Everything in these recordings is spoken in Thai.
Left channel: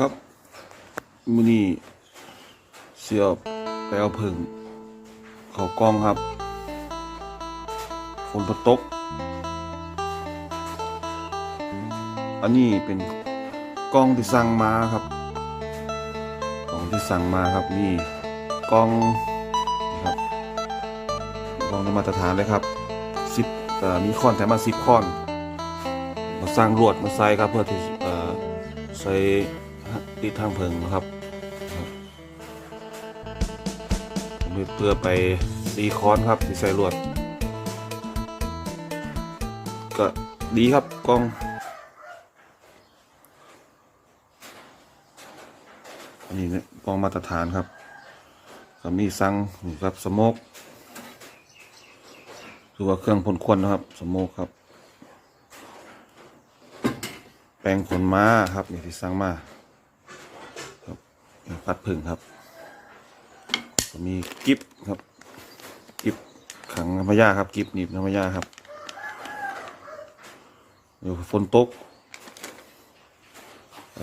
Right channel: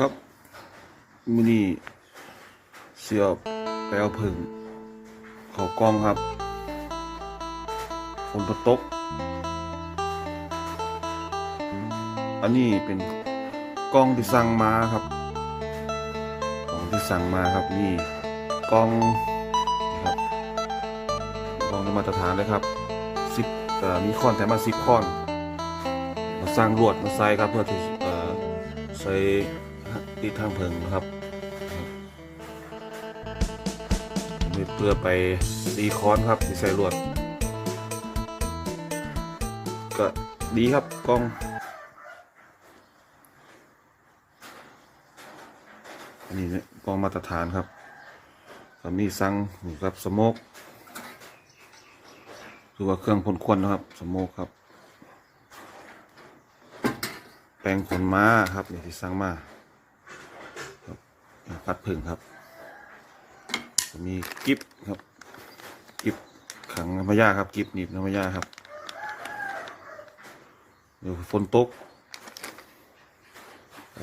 ครับมือนี้เสียบไปเอาผึ่งเขากล้องครับฝนตก อันนี้เป็นกล้องที่สั่งมาครับกล้องที่สั่งมาครับนี่กล้องนี่ครับกล้องมาตรฐานเลยครับสิบมีคอนแถมมาสิบคอนมาสร้างลวดมาใส่ครับเพื่อที่เออใส่ ติดทางเพิงนะครับครับเพื่อไปตีคอนครับที่ใส่ลวด ก็ดีครับกล้องอันนี้เนี่ยกล้องมาตรฐานครับก็มีสั่งนี่ครับสโมกคือว่าเครื่องพ่นควันนะครับ สโมกครับ แปลงขนม้าครับนี่ที่สั่งมา พัดผึ่งครับมีกิฟครับ กิฟขังน้ำมายาครับ กิฟหนีบน้ำมายาครับเดี๋ยวฝนตก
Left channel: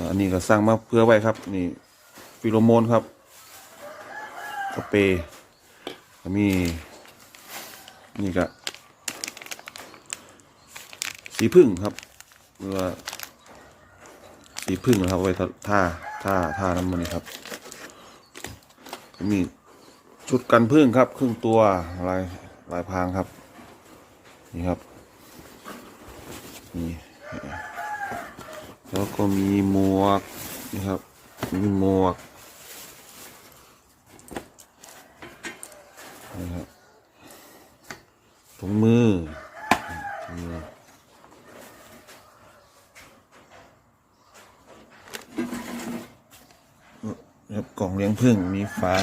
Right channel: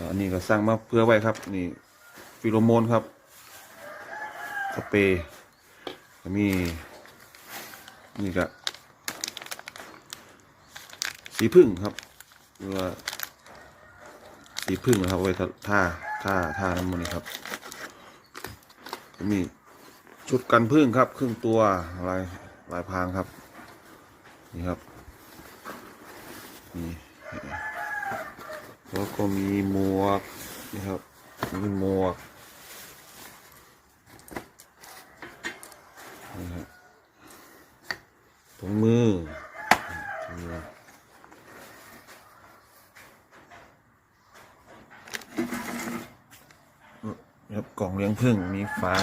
อันนี้ก็สร้างมาเพื่อไว้ครับ นี่ฟิโลโมนครับสเปรย์มีนี่ก็สีพึ่งครับเพื่อสีพึ่งนะครับไว้ท่า ท่าท่าท่าน้ำมันนี่ครับ มีชุดกันพึ่งครับ ครึ่งตัวลายลายพรางครับ นี่ครับนี่แล้วก็มีหมวกนี่ครับ มีหมวกนี่ครับถุงมือถุงมือ ครับกล่องเลี้ยงพึ่งมีฝา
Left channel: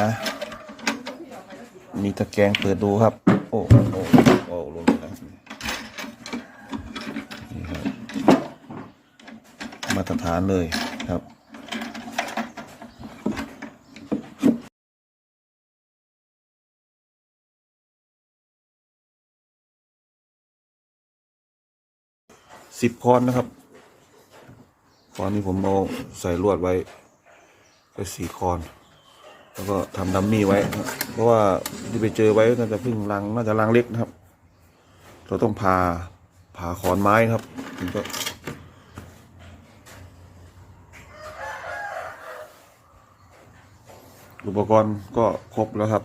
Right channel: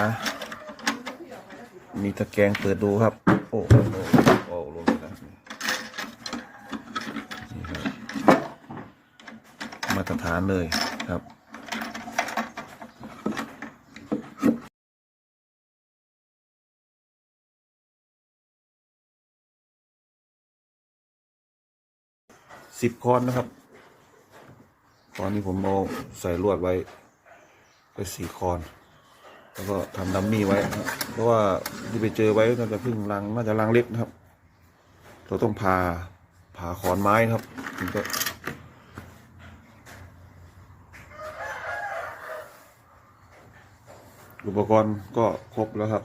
มีตะแกรงเปิดดูครับ โอ้โอ้โอ้ลงไปแล้วนี่ครับ มาตรฐานเลยครับสิบคอนนะครับคอนนี้ผมเอาใส่ลวดไว้ ไปสี่คอน แล้วก็ทำดัมมี่ไว้ เพราะว่าที่ไปเจอไว้น่าจะเพึ่งรังน่าจะรังเล็กนะครับ เราต้องผ่าผ่าขอนไม้ครับถึงจะอุปกรณ์ก็ครบแล้วครับ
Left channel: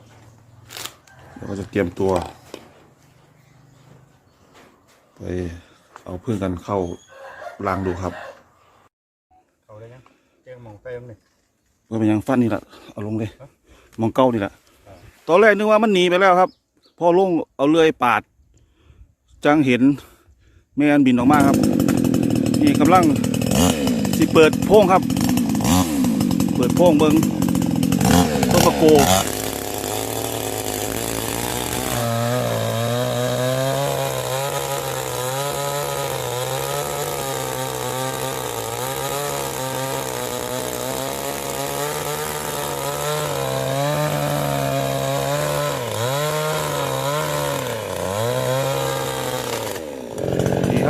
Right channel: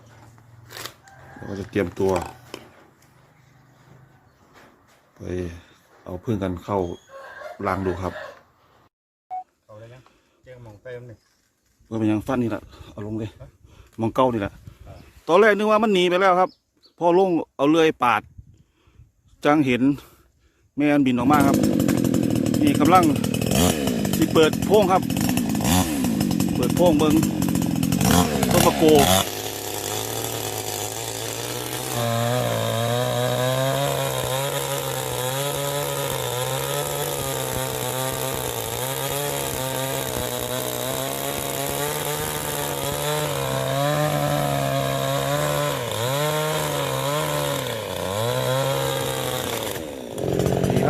เราก็จะเตรียมตัว ไปเอาพึ่งกันเข้ารังดูครับ เอาเลยนะแจ้งมองไปมันนี่ว่าเป็นยังฟันนี่แหละเอาลงเลย มองเก้านี่แหละตอนแรกนึกว่ามันหนีไปแล้วครับ พอลงเอาเลื่อยปาด จังเห็นแม่อันบินออกมาครับ นี่กำลังสิเปิดโพงครับ เปิดโพงเบิงต้นมะโก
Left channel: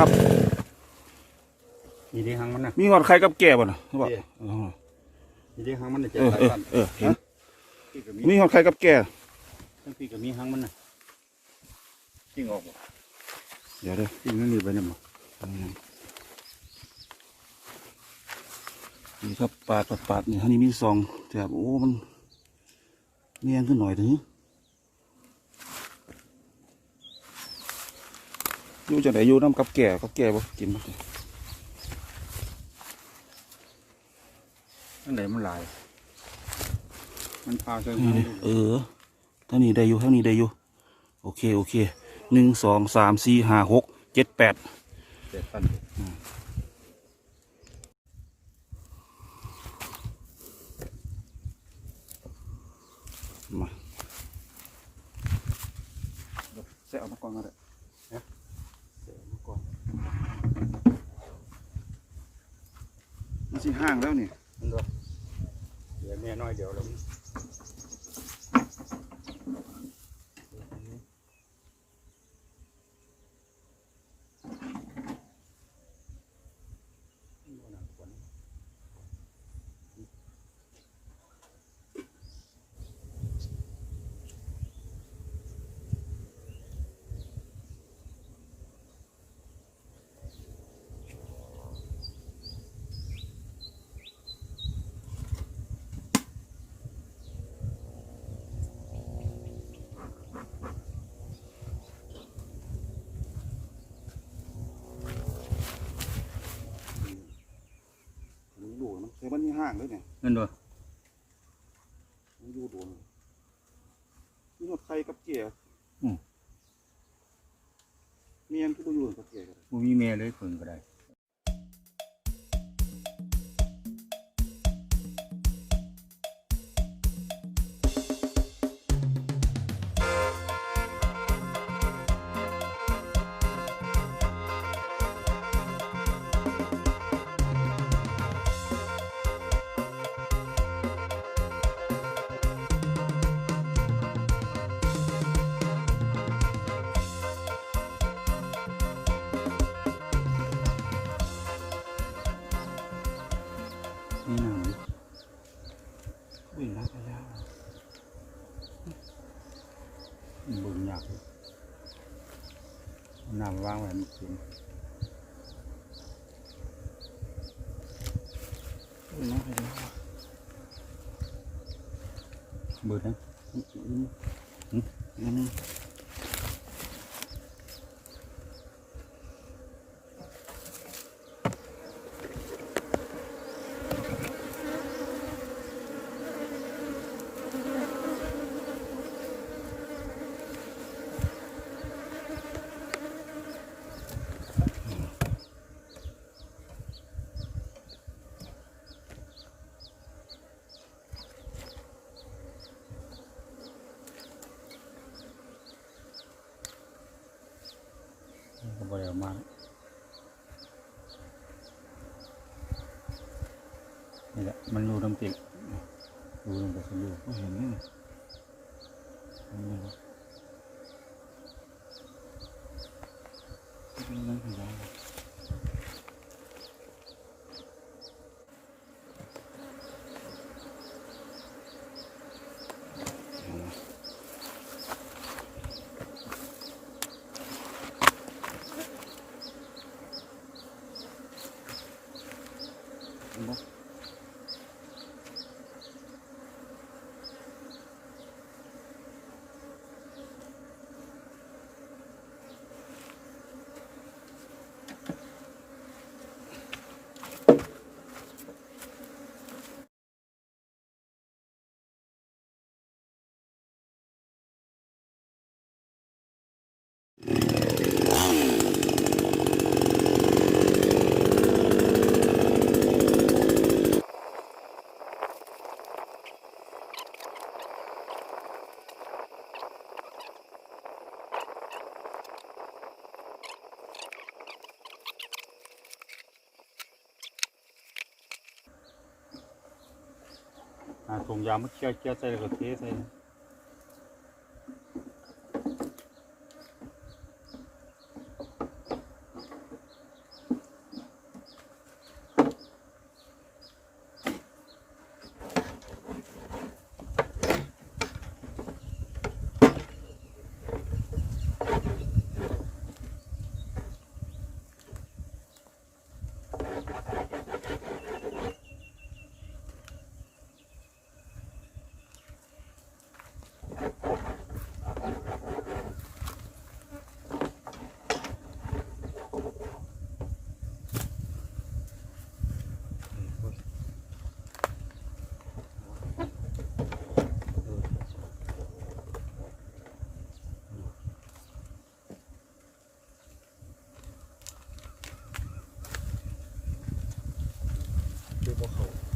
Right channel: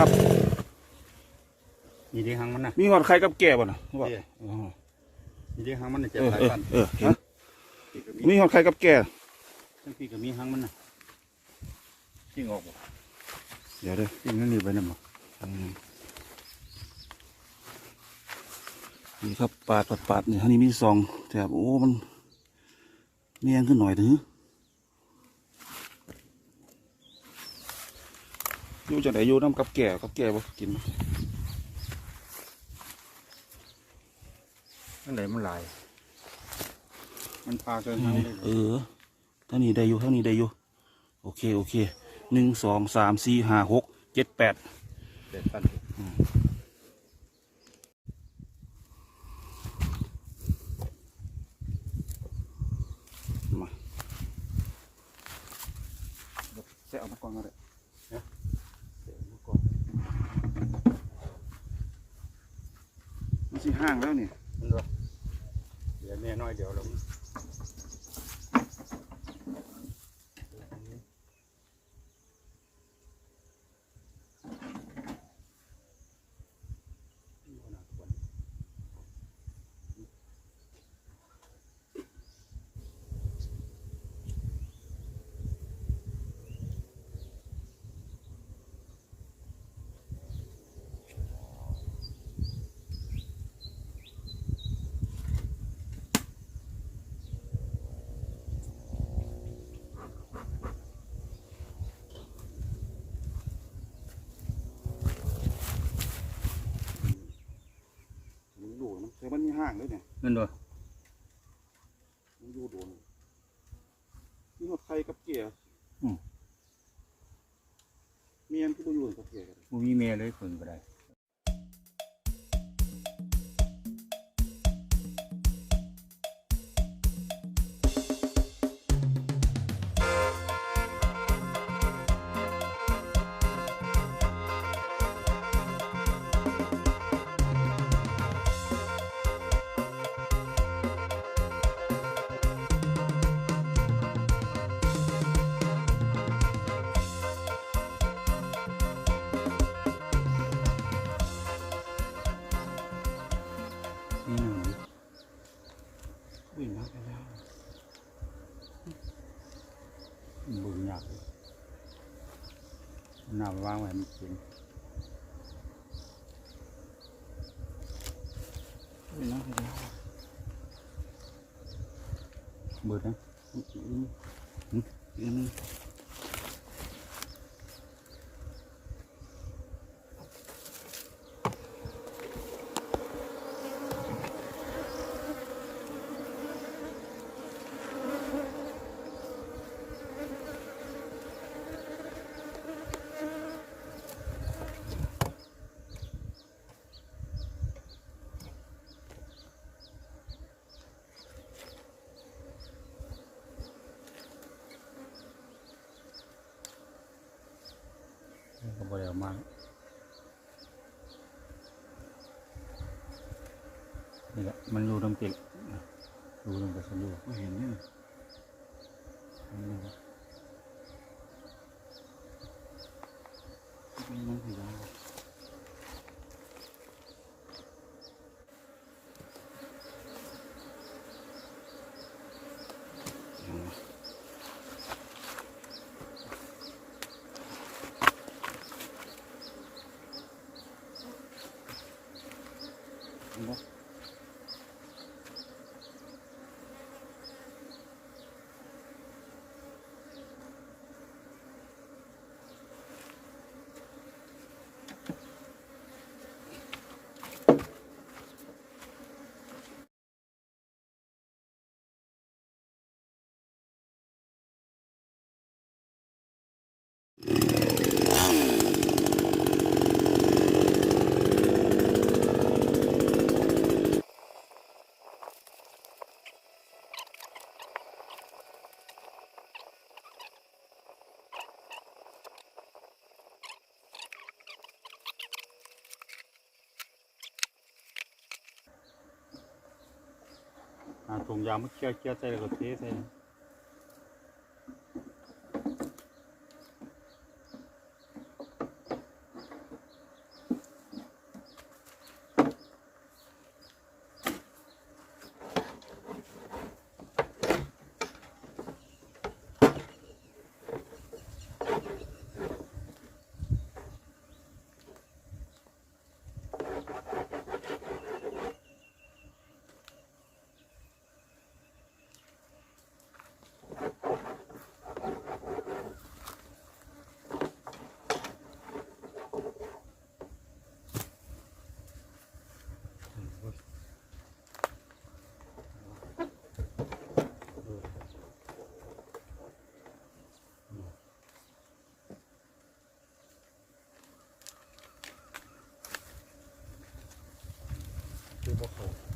ครับ มีที่หางมันนะมีหอดใครกับแก่บ่นะว่าเนี่ยอ๋อมีที่หางมันนี่เจ็บเออหลายเออพันเออเห็นพี่ก็มีมีหอดใครกับแก่ทั้งพี่ก็มีหางมันนะจริงออกบ่เดี๋ยวเด้อจริงนั่นนี่ไปนี่มั้งนี่ครับปาดปาดปาดนี่ท่านี้มีซองแถบโอ้มันเนียนขึ้นหน่อยถึง อยู่จะไหนอยู่น้ำกับแก่กับแก่บ่กินบ่นั่นไหนมันหลาย มันพาเครื่องอืมืมอเออเท่านี้ได้อยู่เท่านี้ได้อยู่ โอเค โอเคหนึ่งสองสามสี่ห้าหกเจ็ดแปดเจ็บพันมาเสียเอามาก่อนก็ได้นะเสียเอามาก่อนมัน สิห้างแล้วนี่ยเดี๋ยวแม่น้อยเดี๋ยวเรา มันแต่มันมีห้างเลยเนี่ยนั่นบ่มันอยู่โดนมีหดไข่กับเกียร์อืม เมียนคือบ่อยู่กับเกียร์กันบ่มีแม่เลยเพิ่นก็ได้ เบิ่งยากเลยน้ำวาง ไม้นี่แหละมันอยู่ตรงติดอยู่ตรงกระสุนอยู่บ่เห็นนี่เห็นนี่บ่เป็นนั่นคือยาวเห็นไหม เห็นบ่อ่าถุงยาง มัน